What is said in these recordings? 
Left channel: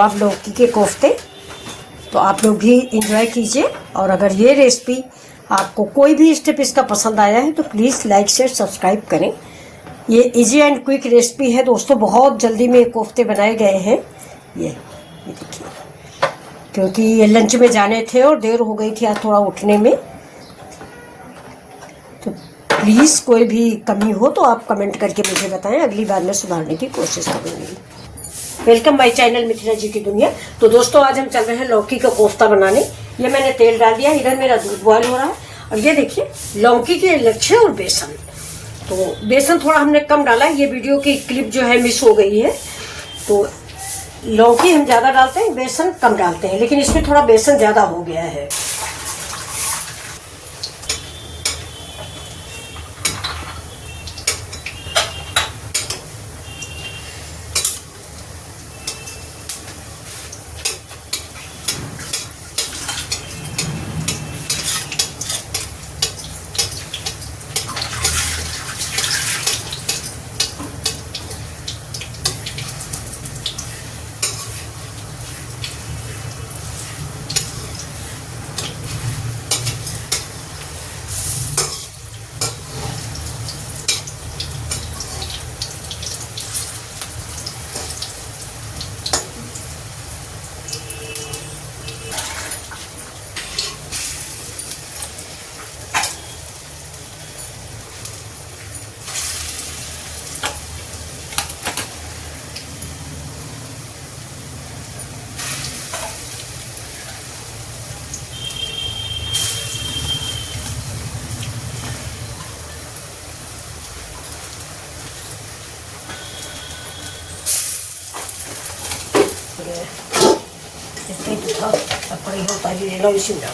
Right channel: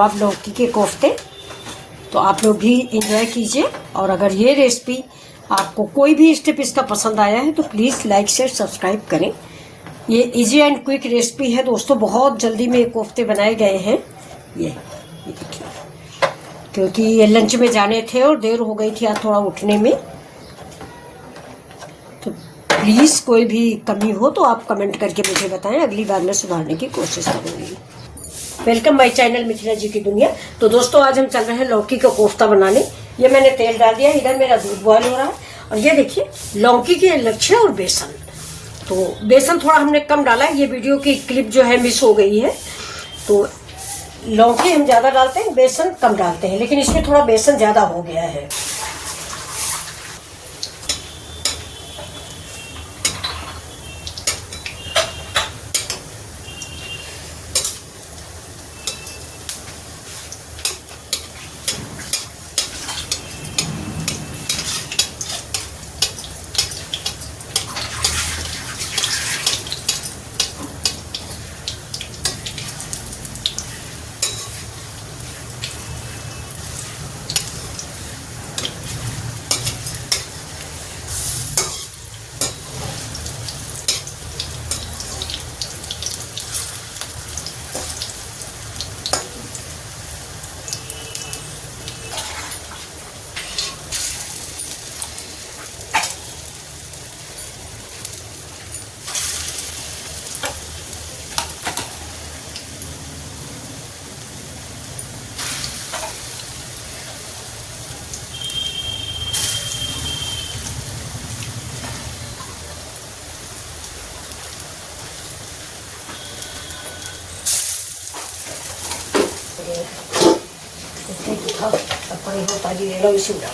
तो आप लौकी के कोफ्ते तो आप लोग भी इंजॉय कीजिए। और अगर ये रेसिपी आपको कोई भी स्टेप इसका पसंद आया है तो प्लीज़ लाइक शेयर सब्सक्राइब करें। ये इजी एंड क्विक रेसिपी है दोस्तों, बहुत जल्दी में कोफ्ते बनाए गए हैं। ये देखिए, क्योंकि ये लंच में जाने थे और देर हो गई थी आज थोड़ा उठने में। तो प्लीज़ कोई भी कमी हो तो आप कमेंट करके मुझे बताएं, अगली बार मैं सुधारने की कोशिश करूँगी। वेलकम माय चैनल मिथिला जी की दुनिया। तो दोस्तों आज हम चल रहे हैं लौकी का कोफ्ता बनाने। ये मैंने तेल डाल दिया, इधर मेरा दूध बॉयल हो रहा है और ये देखिए लौकी के लच्छे और बेसन। तो बेसन थोड़ा हमने कम डाला है, ये वीडियो की क्लिप जो है मिस हो गई है। तो लौकी हम ज़्यादा डालते हैं, बेसन कम डालते हैं, लेकिन इसमें थोड़ा बेसन ज़्यादा हो गया है। होता है लो इसी में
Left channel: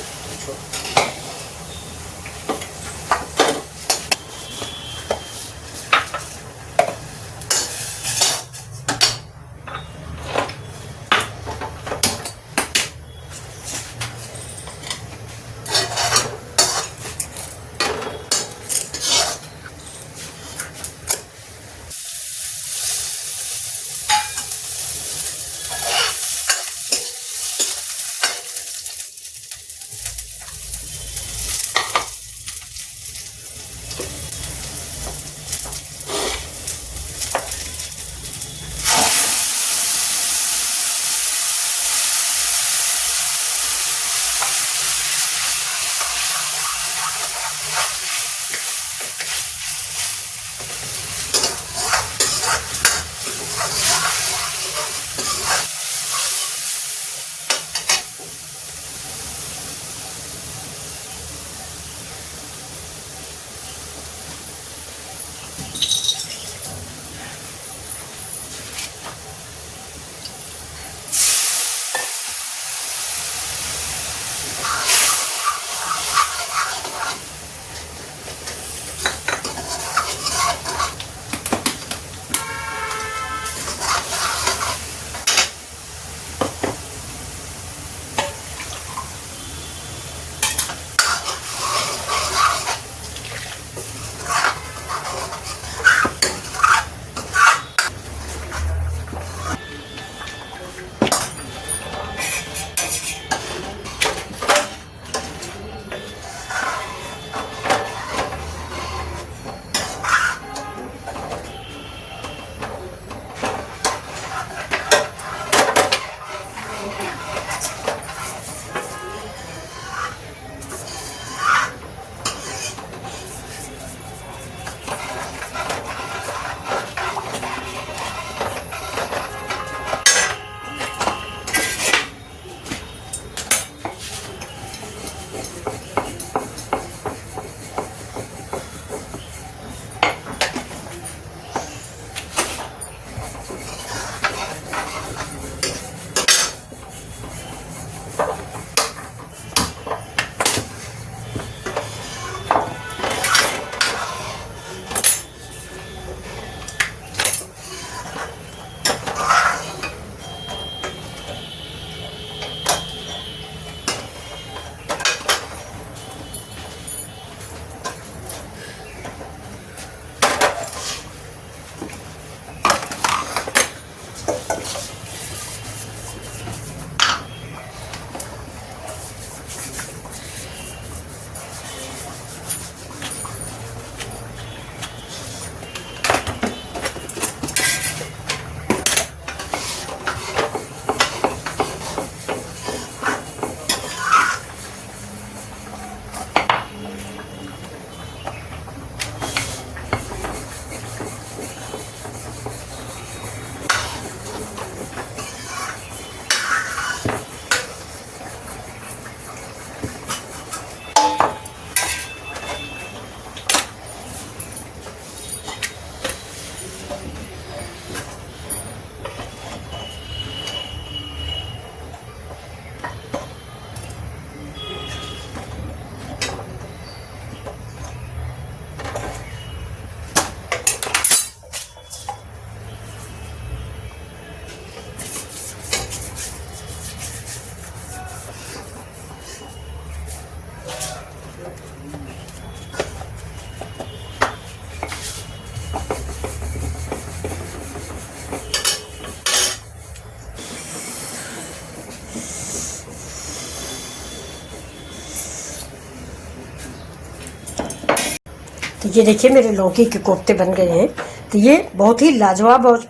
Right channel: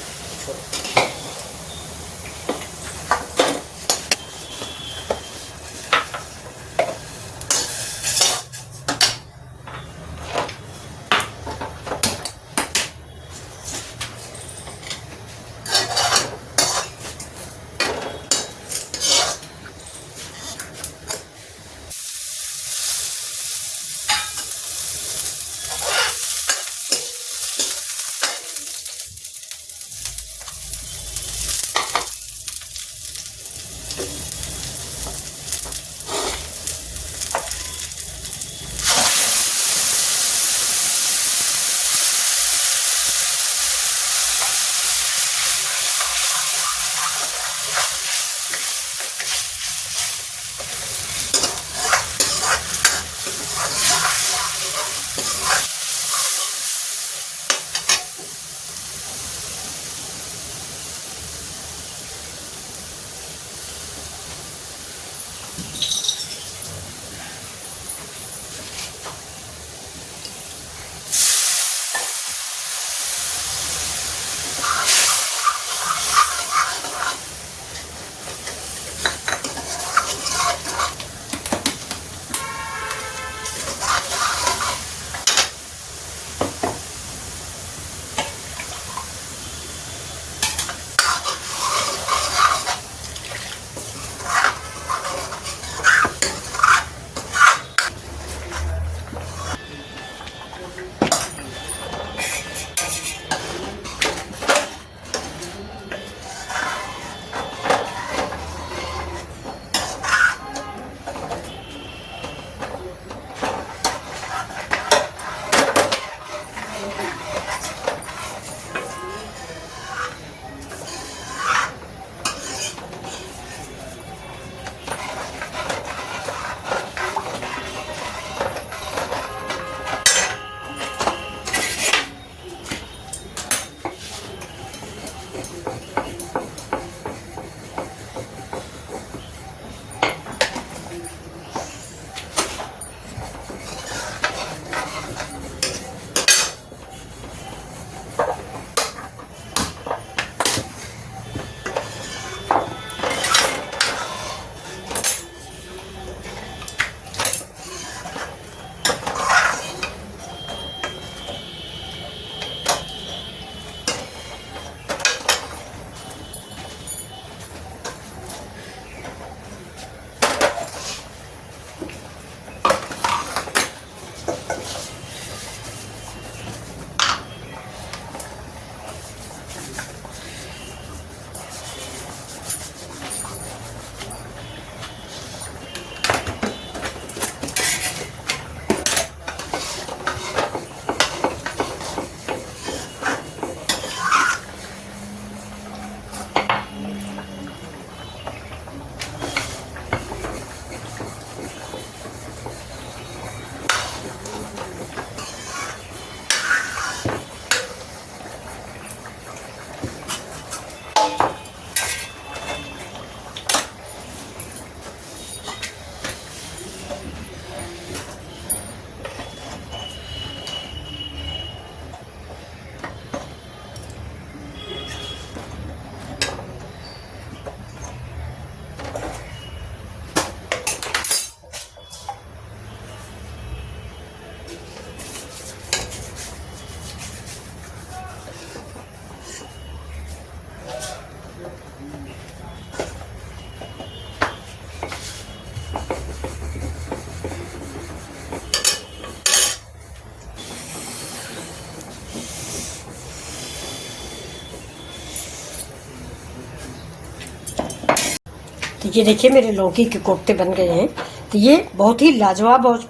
तो ये देखिए मेरे लौकी के कोफ्ते बन गए हैं। तो ये बहुत ही लाजवाब और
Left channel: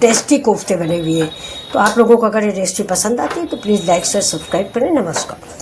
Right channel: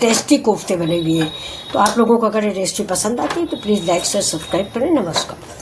टेस्टी कोफ्ते बने हुए हैं। तो आप लोगों को अगर ये रेसिपी पसंद आती है तो प्लीज़ लाइक शेयर सब्सक्राइब करें। नमस्कार।